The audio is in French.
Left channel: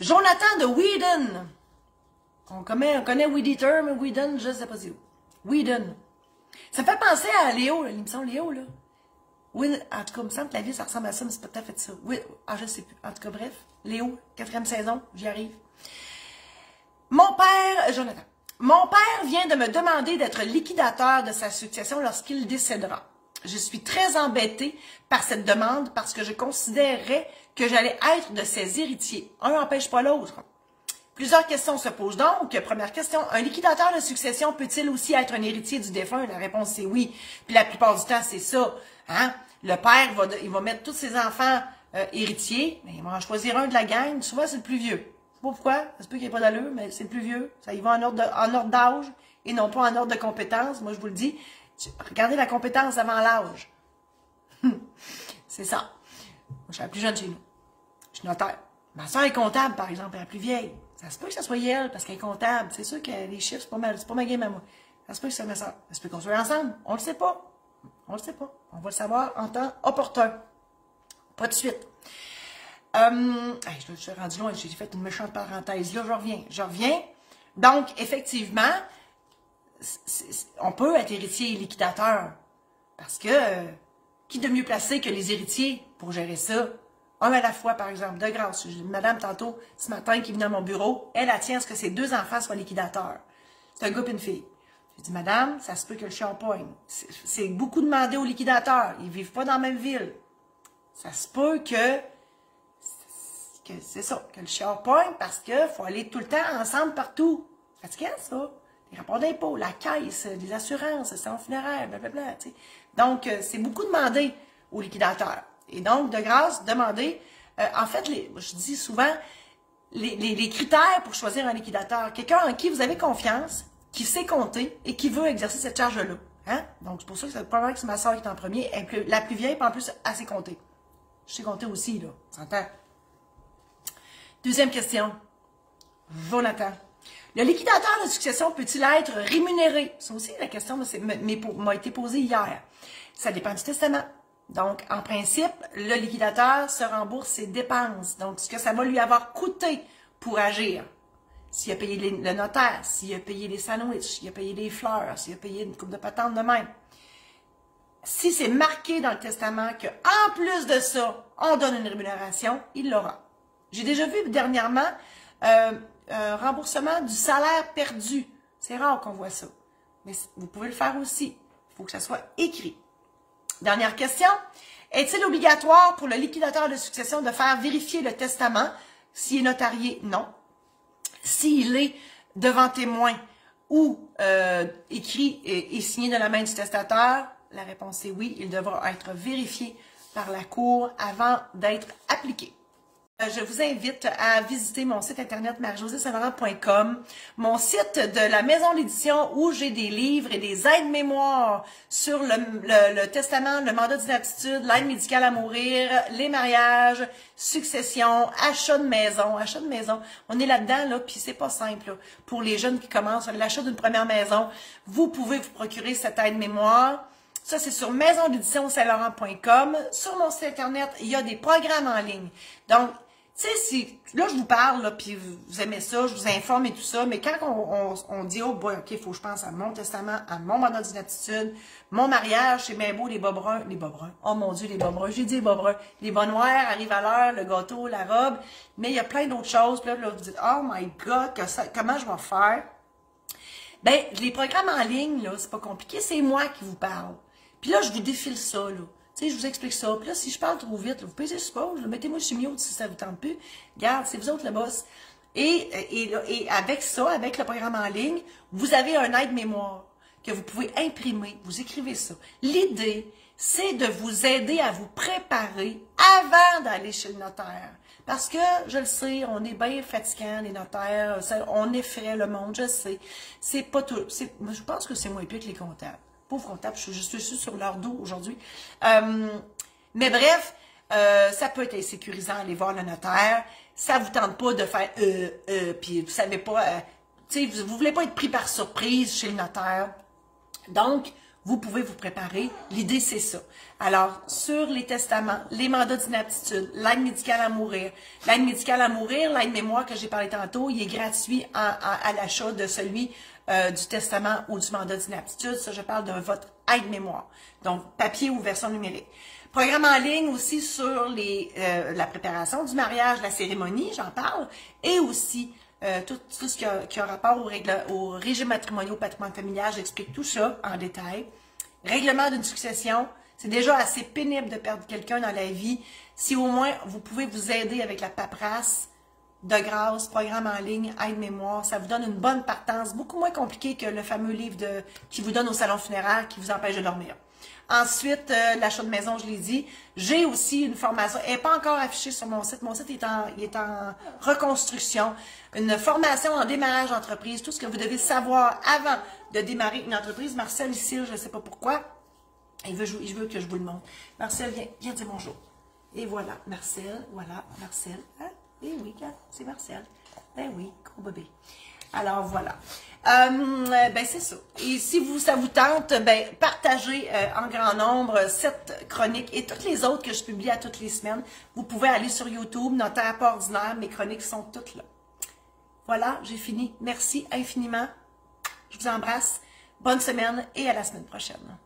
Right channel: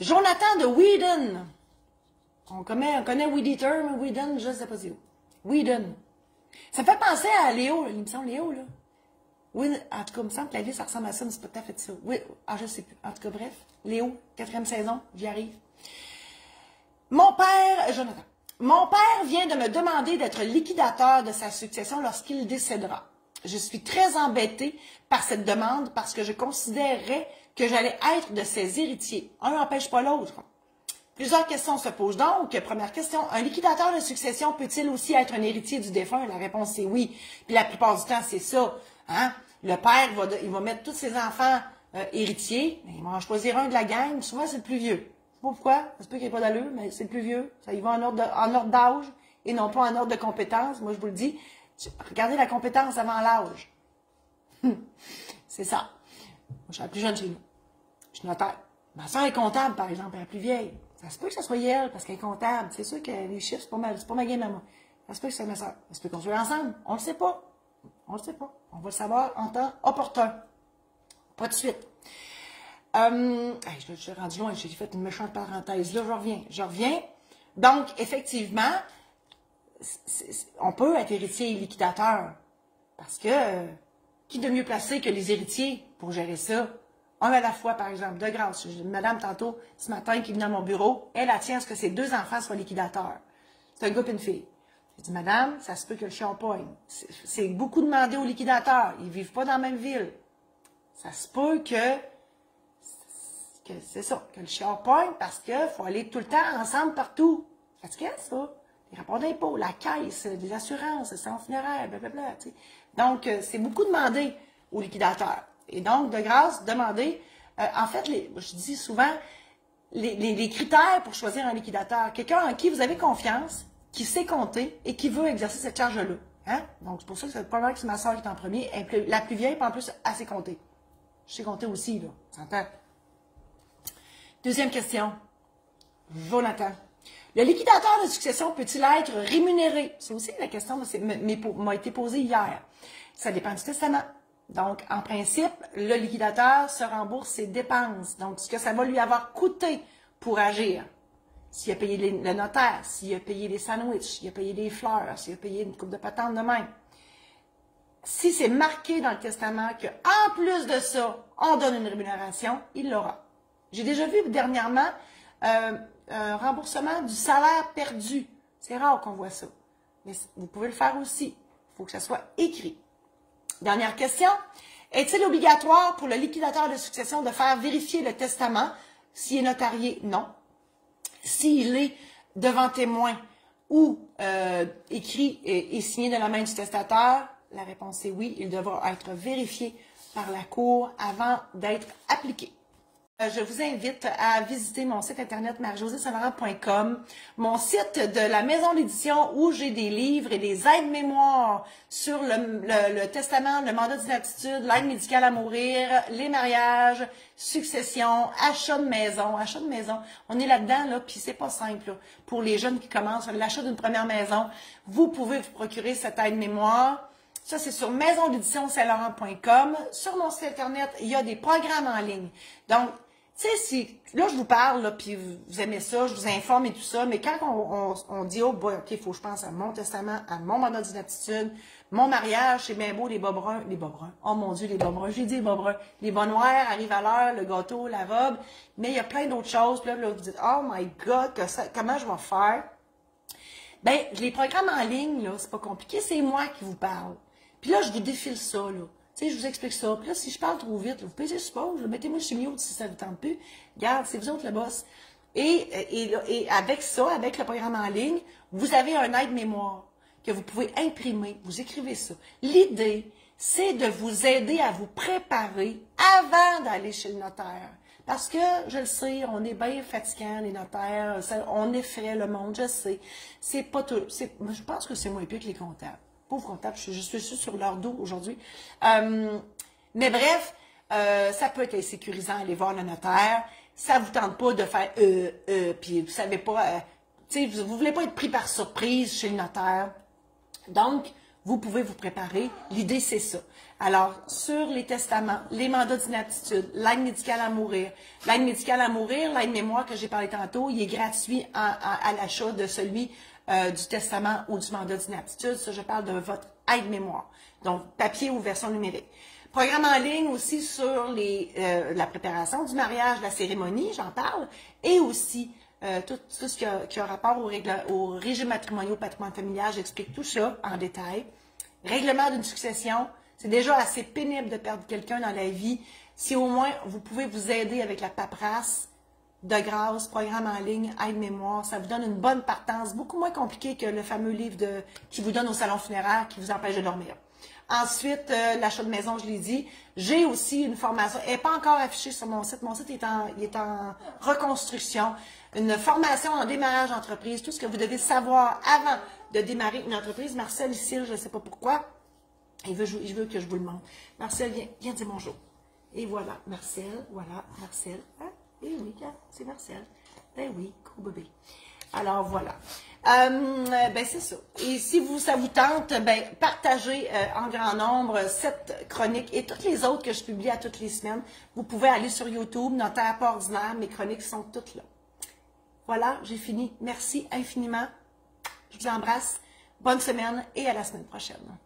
Jonathan de Whedon. On connaît Weed Eater, mais Whedon, je ne sais pas c'est où. Whedon. Ça me fait penser à Léo, l'émission Léo, là. Oui, en tout cas, il me semble que la vie, ça ressemble à ça, mais c'est pas tout à fait ça. Oui, je sais plus. En tout cas, bref. Léo, 4e saison, j'y arrive. Jonathan. Mon père vient de me demander d'être liquidateur de sa succession lorsqu'il décédera. Je suis très embêtée par cette demande parce que je considérerais que j'allais être de ses héritiers. Un n'empêche pas l'autre. Plusieurs questions se posent donc. Première question, un liquidateur de succession peut-il aussi être un héritier du défunt? La réponse c'est oui. Puis la plupart du temps, c'est ça. Hein? Le père, il va mettre tous ses enfants héritiers, mais il va en choisir un de la gang. Souvent, c'est le plus vieux. Je sais pas pourquoi, ça se peut qu'il n'y ait pas d'allure, mais c'est le plus vieux. Ça y va en ordre d'âge et non pas en ordre de compétence. Moi, je vous le dis, regardez la compétence avant l'âge. C'est ça. Moi, je suis la plus jeune chez nous. Je suis notaire. Ma soeur est comptable, par exemple, elle est la plus vieille. Ça se peut que ça soit elle, parce qu'elle est comptable. C'est sûr que les chiffres, c'est pas ma game à moi. Ça se peut que c'est ma soeur. Ça se peut qu'on soit ensemble. On le sait pas. On le sait pas. On va le savoir en temps opportun. Pas de suite. Je suis rendu loin. J'ai fait une méchante parenthèse. Là, je reviens. Donc, effectivement, on peut être héritier et liquidateur. Parce que, qui de mieux placé que les héritiers pour gérer ça? Un à la fois, par exemple, de grâce. J'ai une madame tantôt, ce matin, qui venait à mon bureau. Elle tient à ce que ses 2 enfants soient liquidateurs. C'est un gars et une fille. J'ai dit, madame, ça se peut que le chien poigne. C'est beaucoup demandé aux liquidateurs. Ils vivent pas dans la même ville. Ça se peut que c'est ça, que le chien poigne parce qu'il faut aller tout le temps ensemble partout. C'est fatigant, ça. Les rapports d'impôts, la caisse, les assurances, le centre funéraire, blablabla. Tu sais. Donc, c'est beaucoup demandé aux liquidateurs. Et donc, de grâce, demandez. En fait, je dis souvent, les critères pour choisir un liquidateur. Quelqu'un en qui vous avez confiance, qui sait compter et qui veut exercer cette charge-là. Hein? Donc, c'est pour ça que c'est probablement que c'est ma soeur qui est en premier. La plus vieille, puis en plus, elle sait compter. Je sais compter aussi, là. Tu entends? Deuxième question. Jonathan. Le liquidateur de succession peut-il être rémunéré? C'est aussi la question m'a été posée hier. Ça dépend du testament. Donc, en principe, le liquidateur se rembourse ses dépenses. Donc, ce que ça va lui avoir coûté pour agir. S'il a payé le notaire, s'il a payé les sandwichs, s'il a payé les fleurs, s'il a payé une coupe de patente de même. Si c'est marqué dans le testament qu'en plus de ça, on donne une rémunération, il l'aura. J'ai déjà vu dernièrement un remboursement du salaire perdu. C'est rare qu'on voit ça. Mais vous pouvez le faire aussi. Il faut que ça soit écrit. Dernière question. Est-il obligatoire pour le liquidateur de succession de faire vérifier le testament s'il est notarié? Non. S'il est devant témoin ou écrit et signé de la main du testateur, la réponse est oui. Il devra être vérifié par la Cour avant d'être appliqué. Je vous invite à visiter mon site internet marie-josée-saint-laurent.com, mon site de la maison d'édition où j'ai des livres et des aides-mémoires sur le testament, le mandat d'inaptitude, l'aide médicale à mourir, les mariages, succession, achat de maison. Achat de maison, on est là-dedans, là, puis c'est pas simple. Là, pour les jeunes qui commencent, l'achat d'une première maison, vous pouvez vous procurer cette aide-mémoire. Ça, c'est sur maisondédition-saint-laurent.com. Sur mon site internet, il y a des programmes en ligne. Donc, tu sais, si là, je vous parle, là, puis vous aimez ça, je vous informe et tout ça, mais quand on dit, oh, boy, OK, il faut que je pense à mon testament, à mon mandat d'inaptitude, mon mariage, c'est bien beau, les bas bruns, oh mon Dieu, les bas bruns, j'ai dit les bas bruns, les bas noirs arrivent à l'heure, le gâteau, la robe, mais il y a plein d'autres choses, puis là, vous dites, oh my God, comment je vais faire? Ben, les programmes en ligne, là, c'est pas compliqué, c'est moi qui vous parle. Puis là, je vous défile ça, là. Tu sais, je vous explique ça. Puis là, si je parle trop vite, vous pesez sur pause, mettez-moi sur mute si ça vous tente plus. Regarde, c'est vous autres le boss. Et avec ça, avec le programme en ligne, vous avez un aide-mémoire que vous pouvez imprimer. Vous écrivez ça. L'idée, c'est de vous aider à vous préparer avant d'aller chez le notaire. Parce que, je le sais, on est bien fatigants, les notaires, on effraie le monde, je sais. C'est pas tout. Je pense que c'est moins pire que les comptables. Pauvre comptable, je suis sur leur dos aujourd'hui. Mais bref, ça peut être insécurisant aller voir le notaire. Ça vous tente pas de faire puis vous savez pas, tu sais, vous voulez pas être pris par surprise chez le notaire. Donc, vous pouvez vous préparer. L'idée, c'est ça. Alors, sur les testaments, les mandats d'inaptitude, l'aide médicale à mourir, l'aide-mémoire que j'ai parlé tantôt, il est gratuit à l'achat de celui du testament ou du mandat d'inaptitude. Ça, je parle de votre aide-mémoire. Donc, papier ou version numérique. Programme en ligne aussi sur la préparation du mariage, la cérémonie, j'en parle, et aussi tout ce qui a rapport au régime matrimonial, au patrimoine familial. J'explique tout ça en détail. Règlement d'une succession. C'est déjà assez pénible de perdre quelqu'un dans la vie. Si au moins vous pouvez vous aider avec la paperasse, de grâce, programme en ligne, aide-mémoire, ça vous donne une bonne partance, beaucoup moins compliqué que le fameux livre qui vous donne au salon funéraire qui vous empêche de dormir. Ensuite, l'achat de maison, je l'ai dit. J'ai aussi une formation, elle n'est pas encore affichée sur mon site. Mon site est en reconstruction. Une formation en démarrage d'entreprise, tout ce que vous devez savoir avant de démarrer une entreprise. Marcel, ici, je ne sais pas pourquoi, il veut que je vous le montre. Marcel, viens dire bonjour. Et voilà, Marcel, Ah, eh oui, c'est Marcel. Ben oui, gros bébé. Alors, voilà. Ben, c'est ça. Et si ça vous tente, ben, partagez en grand nombre cette chronique et toutes les autres que je publie à toutes les semaines. Vous pouvez aller sur YouTube, Notaire pas ordinaire, mes chroniques sont toutes là. Voilà, j'ai fini. Merci infiniment. Je vous embrasse. Bonne semaine et à la semaine prochaine.